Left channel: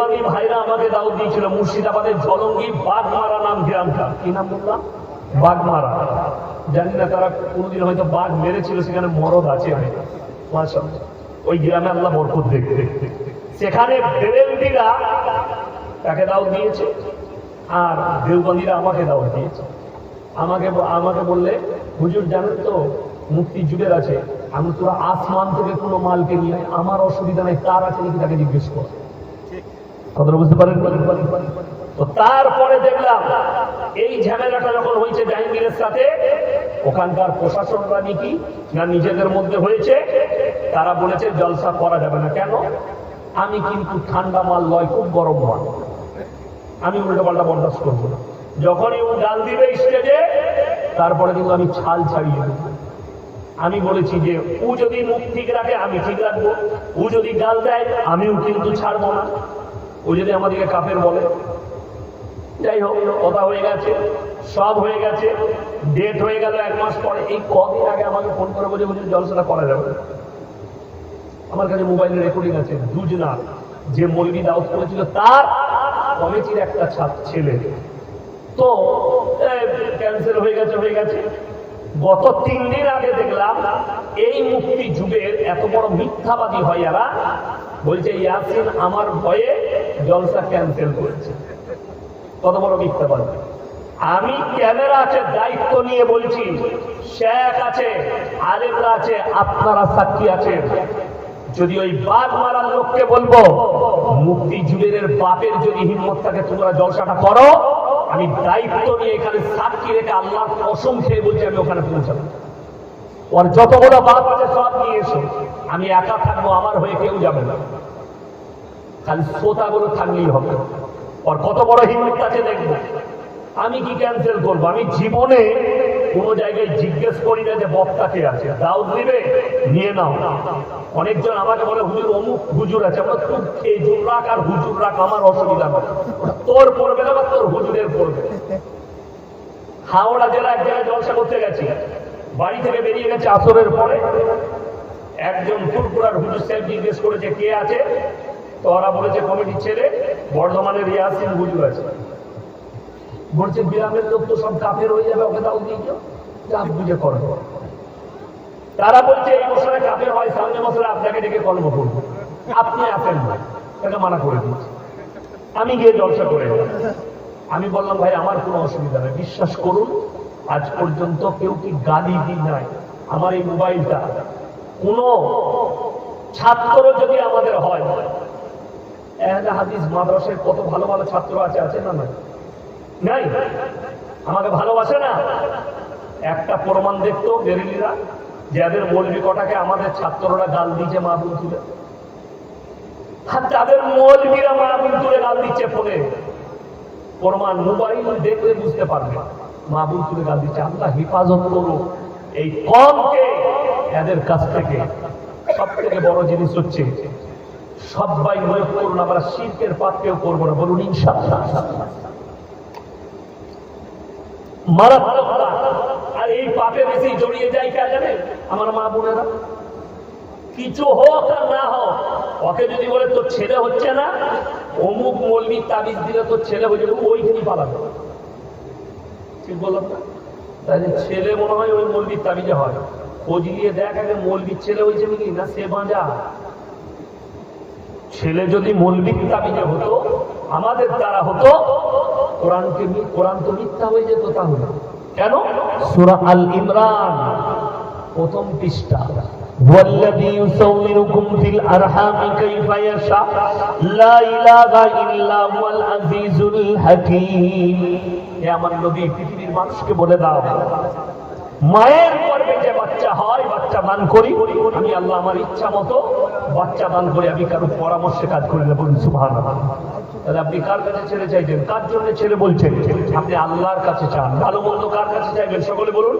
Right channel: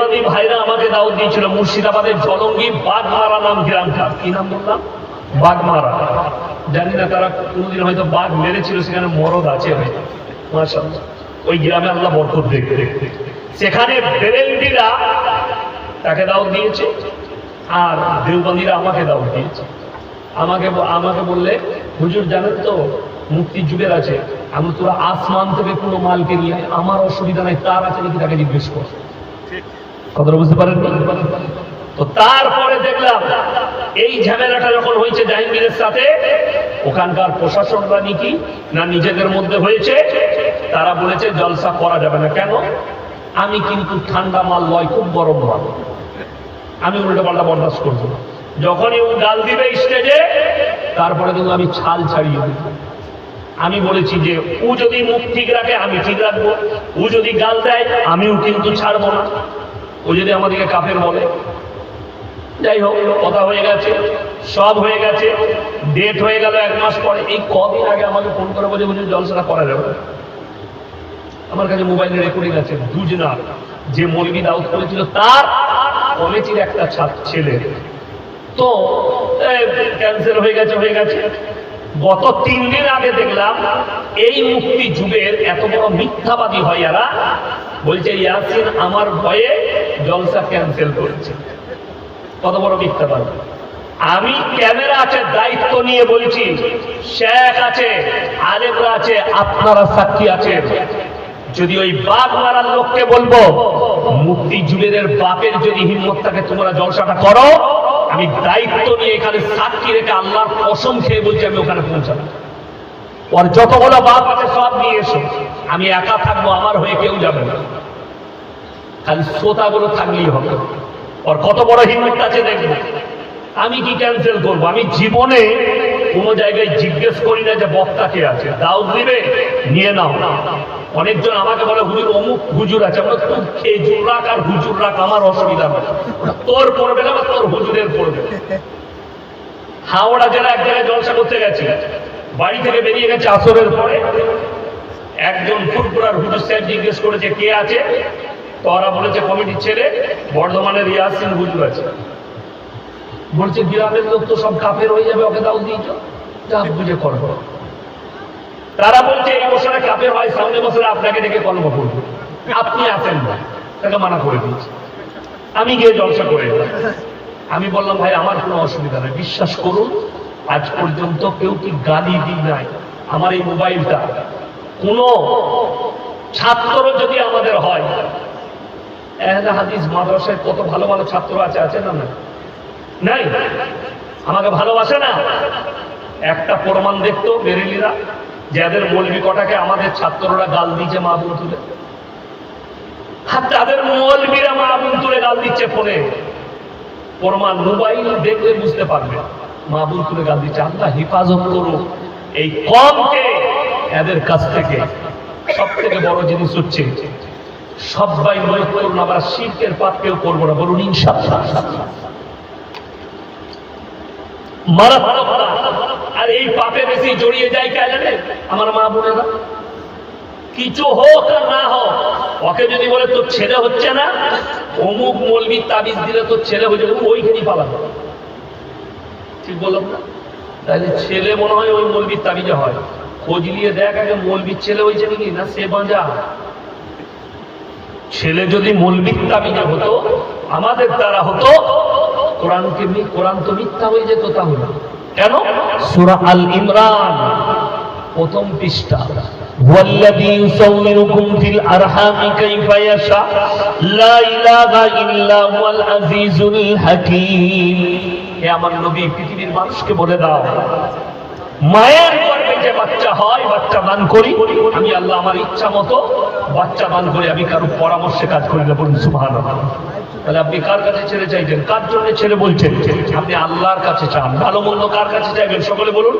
দেওবন্দি ভাইরা আমাকে দাওয়াত দিয়েছিল মুর্শিদাবাদের জলঙ্গি বাগমারা নাম গ্রামটা। কি নাম বললাম? বাগমারা। জানি না তারা কোনদিন হয়তো বাঘ মেরেছিল, সেখানে মরদ আছে হয়তো, মাশাআল্লাহ। ওই গ্রামে আল্লাহ বরকত দেখতে, সেখানে বেরেলভিরা তাকে দাওয়াত দিয়েছে, আর দেওবন্দিরা আমাকে দাওয়াত দিয়েছে। আমাকে বললে, হুজুর জানেন তো মুক্তির যুগের আছে, আমি তোরা আসমান থেকে কোনো মালকে নিয়ে আমার অসুবিধা নাই, তার আছে নাকি তাকে জিজ্ঞেস কর। কথাটা বুঝতে পারেন? তো তারপরে দেখলাম এই ঝামেলাটা যখন হয়েছে জাহাঙ্গীরের সাথে, ওখানকার প্রশাসনরা নাকি না নিজেদের মধ্যে হয়েছে, তারা বলেছে জলসা করা যাবে না। কেন? আমি কিন্তু ঠান্ডা মাল লয়, খুব গরম মাল, আমি উল্টো পাল্টা বরদাস্ত করবো। যখনই ও গাল দিবে স্টেজে, তারপরে কিন্তু আমি ছাল ছাড়িয়ে দেব। আমি বলেছি যে ও যদি মুখ ঠিক রাখে আমি ঠিক রাখবো, ও যদি গাল দেয় আমিও কিন্তু ছাড়বো না, ও যদি আমাদেরকে কাফের বলে। যাই হোক, কথা হয়ে গেছে, সব হয়ে গেছে, ডেট হয়ে গেল 1 মাস পরে। এই কদিন আগে আমাকে ফোন করে বলে জলসাটা করা যাবে। আমার কাছে মোবাইলে রেকর্ডিং আছে, দুজনার যে মৌলবি দাওয়াত করেছিল তার কমিটির একটা ছেলে, তো ক্যান্সেল হয়ে গেছে। গত 3 দিন আগে দেখলাম এই মুক্তি যুগের এত বড় মিথ্যাবাদী হয় এরা, বলছে ইয়াসিন আমার ভয়ে জলসা ক্যান্সেল করেছে। কত বড় মিথ্যাবাদী! আমি ক্যামেরা আছে দায়িত্ব নিয়ে বলছি, শেখ আছে, আলেমরা আছে, আপনারা সাক্ষী আছেন। যদি ওই বাঘ মারার লোককে বলবো মুক্তি যুগের বাপের যদি হিম্মত থাকে তোমরা জলসাটা করো, আমি দায়িত্ব নিয়ে এখানে সাক্ষী রেখে আল্লাহর কসম খেয়ে বলছি আমি ওখানে পৌঁছাবো। ওর যতগুলো বাপ আছে সব নিয়ে এসো, আমি একা থাকবো, আমার হয়ে কেউ যাবে না, খালি শ্রোতাগুলো থাকলেই হবে। ওর কত বড় হিম্মত আছে দেখবো। আমি কি ক্যান্সেল করবো? আমি জীবনে কোনো জায়গায় জিজ্ঞেস করি না যে বক্তা কে আছে, দাওয়াত দিবে নিয়ে নাও। অনেকজন আমাকে বলে হুজুর অমুক হুজুর আছে, আমরা খুব খেজুর রাখ আর হুজুর রাখ, আমার অসুবিধা নেই, তোর পড়বে না বা তোর হুজুরের পড়বে। হাওড়া জেলা এক জায়গায় জলসা করতে গেছি, বাড়ি থেকে বেরিয়ে গেছে আসরের পরে, একজন ফুরফুরার হুজুর সাহেব জিজ্ঞেস করেছে কে আছে, তো ওরা বলেছে কমিটির ছেলে, বর্ধমানের ইয়াসিন হুজুর আছে। বলছে গ্রামের লোক তো সব কাফের হয়ে যাবে, ওকে দাও দিয়েছ, যা বুঝে করবো। তারা বলছে এই বছরে কাফের হয়, সামনে বছরে আপনাকে ডেকে কলম করবো, আপনি আসেন না, তাকে মানা করে দিয়েছে। আমি গিয়ে জলসা করে আমি বললাম ভাই আমার কোনো অসুবিধা নেই, বিশ্বাস করুন আজ পর্যন্ত কেউ কি গালি দিই নাই। আমার এই মোবাইলটা কোনো ছাত্র যদি আমাদের হয়, আহলে হাদিস মাদ্রাসায় কত ভালো ভালো ছাত্র আছে না? নাই? আমাকে ভালোবাসে না? একটা প্রমাণ দেখতো বেরেলিরা, যাদের মৌলবি কটাকে আমাদের ছাত্ররা গাল দিচ্ছে মাহবুব তুলে, আর তাদের মৌলবিরা মাহবুব তুলে গাল দিচ্ছে ফোনে, প্রমাণ মোবাইল দেখলে বুঝতে পারবে মাহবুব তুলে গাল দিচ্ছে। আল্লাহ হেফাজত করুক এই কমকে এদের কাছ থেকে। সব থেকে বড় জিনিস হচ্ছে সবাই মনে করুন আবার শিরকের পাপ কেউ করবো না, বলুন ইনশাআল্লাহ। মারাত্মক। আর এই পাপে বেশি জড়িয়ে যায় কে জানে? আমার মা বোনেরা। কিছু হোক আর না হোক, ওকে যদি বলে তোর ছেলে হচ্ছে না, অমুক মৌলবি তাবিজ দিলে তোর ছেলে হয়ে যাবে, ওইখানেই পালাবে। ঠিক বললাম না? তাহলে ছেলে মনে হয় ওই মৌলবির তাবিজে হয়, খোঁজ নিয়ে দেখ আগে মৌলবির ছেলে হয়েছে নাকি, না সে বাঁচা। ছেলে যদি মৌলবির তাবিজে হতো, আমাদের দ্বারা হতো, কোরআন তো মিথ্যা হয়ে যেত। তাহলে কেন? সূরা আল ইমরান প্রথম পৃষ্ঠা, ওয়াল্লাযী ইউসাউমিরুকুম ফিল আরহামি কাইফা ইয়াশা লা ইলাহা ইল্লা হুয়াল আজিজুল হাকীম। হে আমার নবী, পৃথিবীর মানুষকে বলে দাও, মায়ের গর্ভে যে বাচ্চা হয়, বাচ্চা দান করি আমি আল্লাহ, আমার ইচ্ছা মতো বাচ্চা দান করি, আমি কারোর পরামর্শে কাজ করি না। বলুন সুবহানাল্লাহ। তাহলে আপনি কার কাছে ছেলে চাইছেন? কার জন্য ছেলে বলছেন? আপনি আল্লাহর কাছে চান। ভালো মন্দ কার কাছে চাইবেন? সকলে বলুন।